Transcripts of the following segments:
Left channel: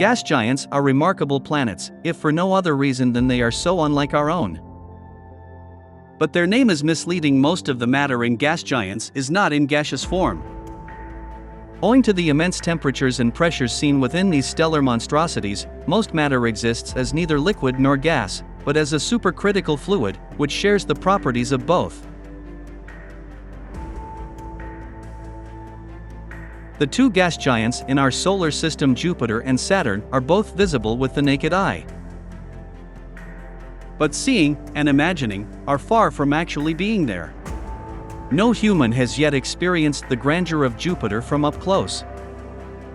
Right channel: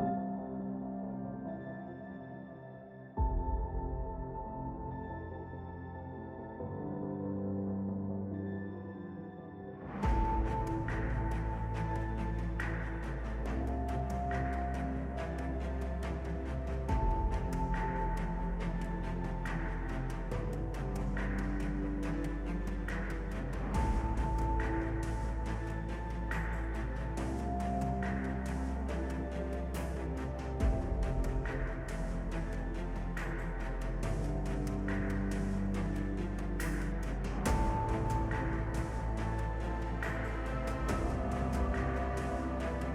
Gas giants are remarkable planets, if for no other reason than they are so unlike our own. But their name is misleading. Most of the matter in gas giants is not in gaseous form. Owing to the immense temperatures and pressures seen within these stellar monstrosities, most matter exists as neither liquid nor gas, but as a supercritical fluid, which shares the properties of both. The two gas giants in our solar system, Jupiter and Saturn, are both visible with the naked eye. But seeing and imagining are far from actually being there. No human has yet experienced the grandeur of Jupiter from up close.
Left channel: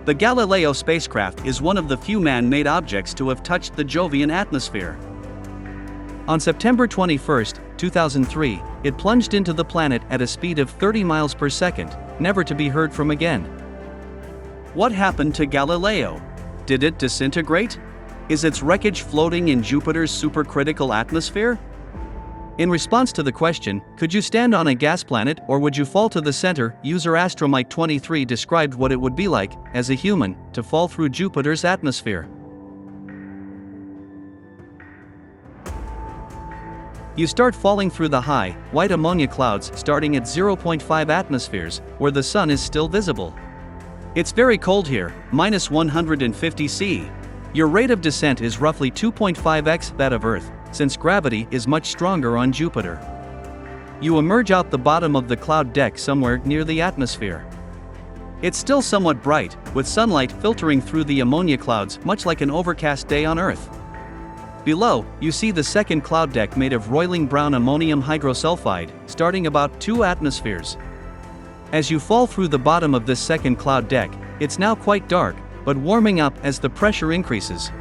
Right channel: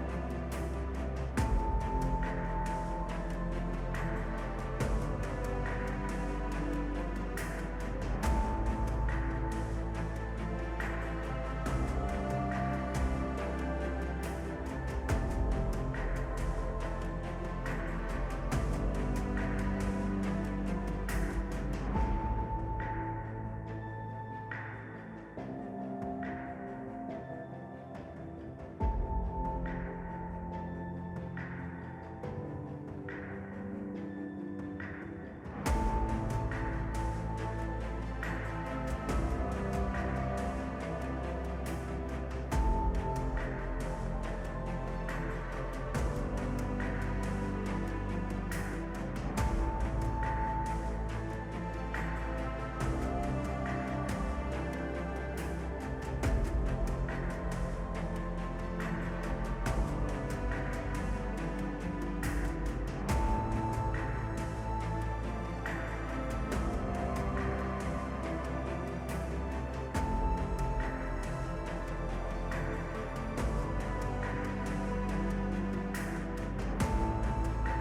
The Galileo spacecraft is one of the few man-made objects to have touched the Jovian atmosphere. On September 21, 2003, it plunged into the planet at a speed of 30 miles per second, never to be heard from again. What happened to Galileo? Did it disintegrate? Is its wreckage floating in Jupiter's supercritical atmosphere? In response to the question, could you stand on a gas planet or would you fall to the center, user Astromite23 described what it would be like, as a human, to fall through Jupiter's atmosphere. You start falling through the high, white ammonia clouds starting at 0.5 atmospheres, where the sun is still visible. It's very cold here, minus 150 C. Your rate of descent is roughly 2.5x that of Earth, since gravity is much stronger on Jupiter. You emerge out the bottom of the cloud deck somewhere near the atmosphere. It's still somewhat bright, with sunlight filtering through the ammonia clouds much like an overcast day on Earth. Below, you see the second cloud deck made of roiling brown ammonium hydrosulfide, starting about 2 atmospheres. As you fall through the bottom of this second cloud deck, it's now quite dark, but warming up as the pressure increases.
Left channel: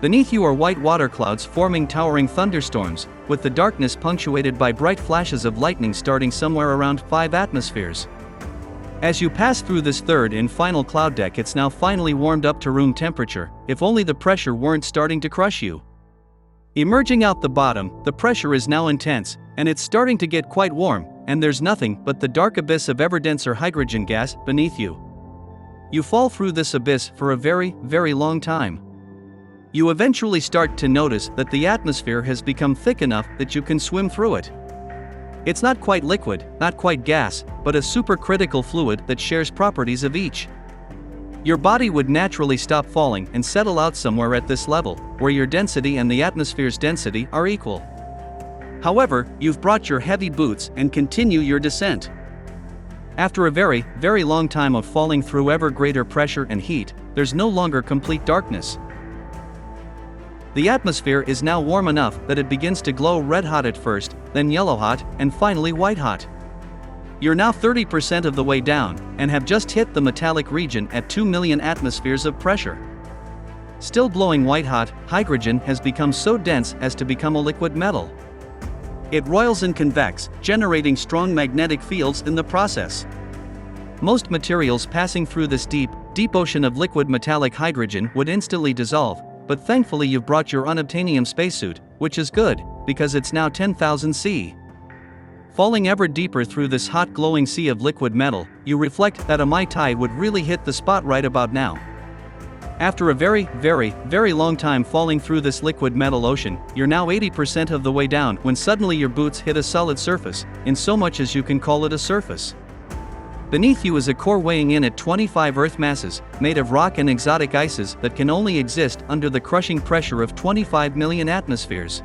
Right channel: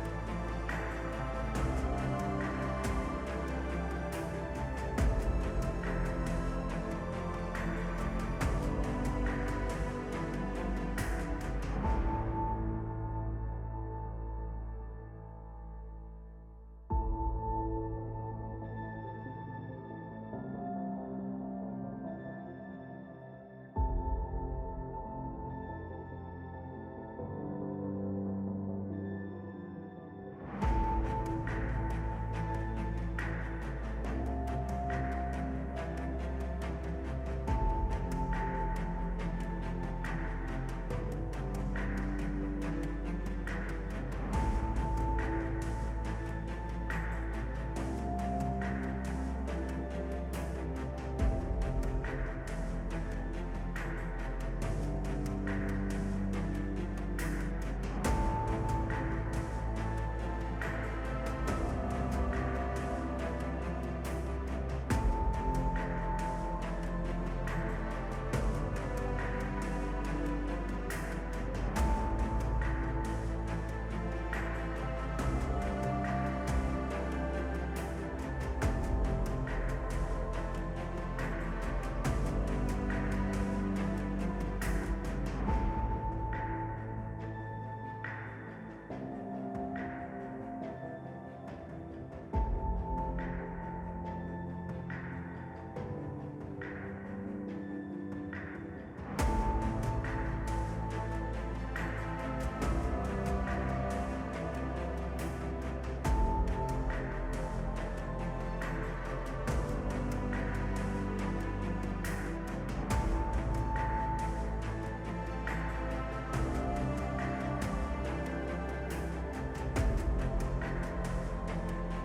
Beneath you are white water clouds forming towering thunderstorms, with the darkness punctuated by bright flashes of lightning starting somewhere around 5 atmospheres. As you pass through this third and final cloud deck, it's now finally warmed up to room temperature, if only the pressure weren't starting to crush you. Emerging out the bottom, the pressure is now intense, and it's starting to get quite warm, and there's nothing but the dark abyss of ever-denser hydrogen gas beneath you. You fall through this abyss for a very, very long time. You eventually start to notice that the atmosphere has become thick enough that you can swim through it. It's not quite liquid, not quite gas, but a supercritical fluid that shares properties of each. Your body would naturally stop falling and settle out somewhere at this level, where your density and the atmosphere's density are equal. However, you've brought your heavy boots and continue your descent. After a very, very long time of falling through ever greater pressure and heat, there's no longer complete darkness. The atmosphere is now warm enough that it begins to glow red-hot at first, then yellow-hot, and finally white-hot. You're now 30% of the way down, and have just hit the metallic region at 2 million atmospheres of pressure. Still glowing white-hot, hydrogen has become so dense as to become a liquid metal. It roils and convects, generating strong magnetic fields in the process. Most materials passing through this deep, deep ocean of liquid metallic hydrogen would instantly dissolve, but thankfully you've brought your unobtainium spacesuit, which is good, because it's now 10,000 C. Falling ever deeper through this hot glowing sea of liquid metal, you reflect that a Mai Tai would really hit the spot right about now. After a very, very, very long time falling through this liquid metal ocean, you're now 80% of the way down when suddenly your boots hit a solid surface, in so much as you can call it a surface. Beneath you is a core weighing in at 25 Earth masses, made of rock and exotic ices that can only exist under the crushing pressure of 25 million atmospheres.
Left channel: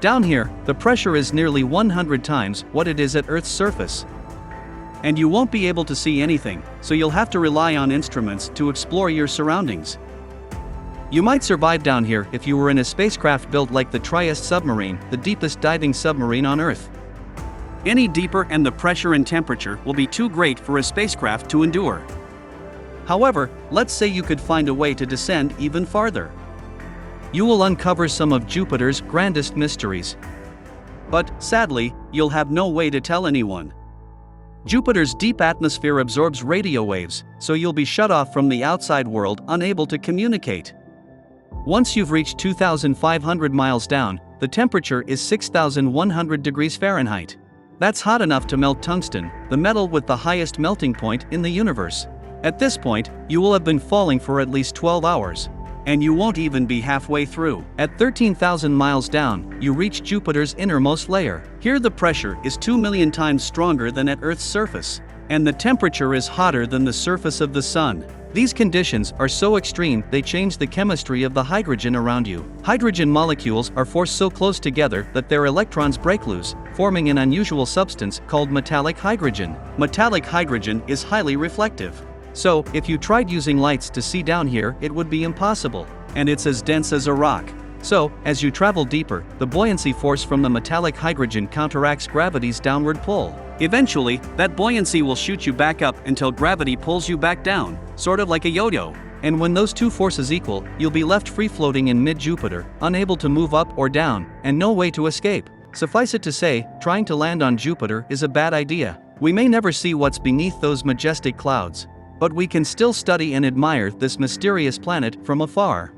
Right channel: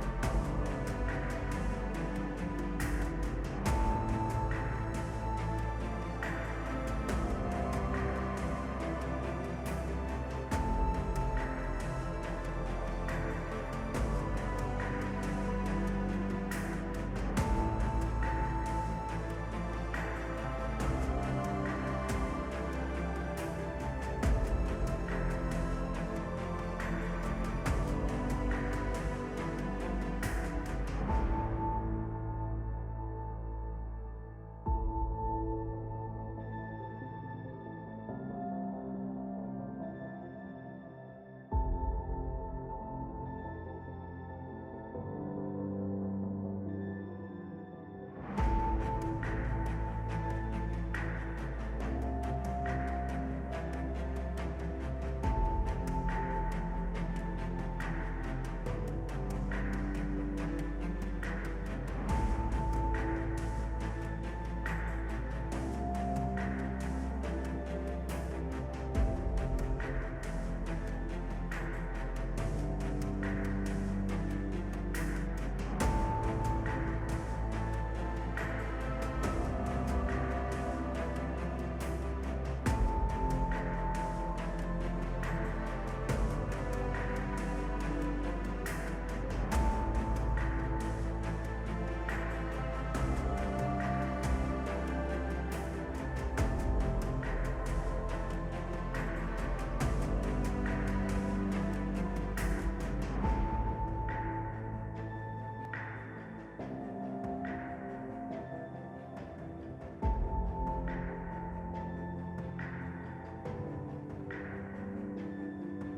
Down here, the pressure is nearly 100 times what it is at Earth's surface. And you won't be able to see anything, so you'll have to rely on instruments to explore your surroundings. You might survive down here if you were in a spacecraft built like the Trieste submarine, the deepest diving submarine on Earth. Any deeper and the pressure and temperature will be too great for a spacecraft to endure. However, let's say you could find a way to descend even farther. You will uncover some of Jupiter's grandest mysteries. But, sadly, you'll have no way to tell anyone. Jupiter's deep atmosphere absorbs radio waves, so you'll be shut off from the outside world, unable to communicate. Once you've reached 2,500 miles down, the temperature is 6,100 degrees Fahrenheit. That's hot enough to melt tungsten, the metal with the highest melting point in the universe. At this point, you will have been falling for at least 12 hours. And you won't even be halfway through. At 13,000 miles down, you reach Jupiter's innermost layer. Here the pressure is 2 million times stronger than at Earth's surface. And the temperature is hotter than the surface of the Sun. These conditions are so extreme they change the chemistry of the hydrogen around you. Hydrogen molecules are forced so close together that their electrons break loose, forming an unusual substance called metallic hydrogen. Metallic hydrogen is highly reflective. So, if you tried using lights to see down here, it would be impossible. And it's as dense as a rock. So, as you travel deeper, the buoyancy force from the metallic hydrogen counteracts gravity's downward pull. Eventually, that buoyancy will shoot you back up until gravity pulls you back down, sort of like a yo-yo. And when those two forces equal, you'll be left free-floating in mid-Jupiter, unable to move up or down, and no way to escape. Suffice it to say, trying to land on Jupiter is a bad idea. We may never see what's beneath those majestic clouds, but we can still study and admire this mysterious planet from afar.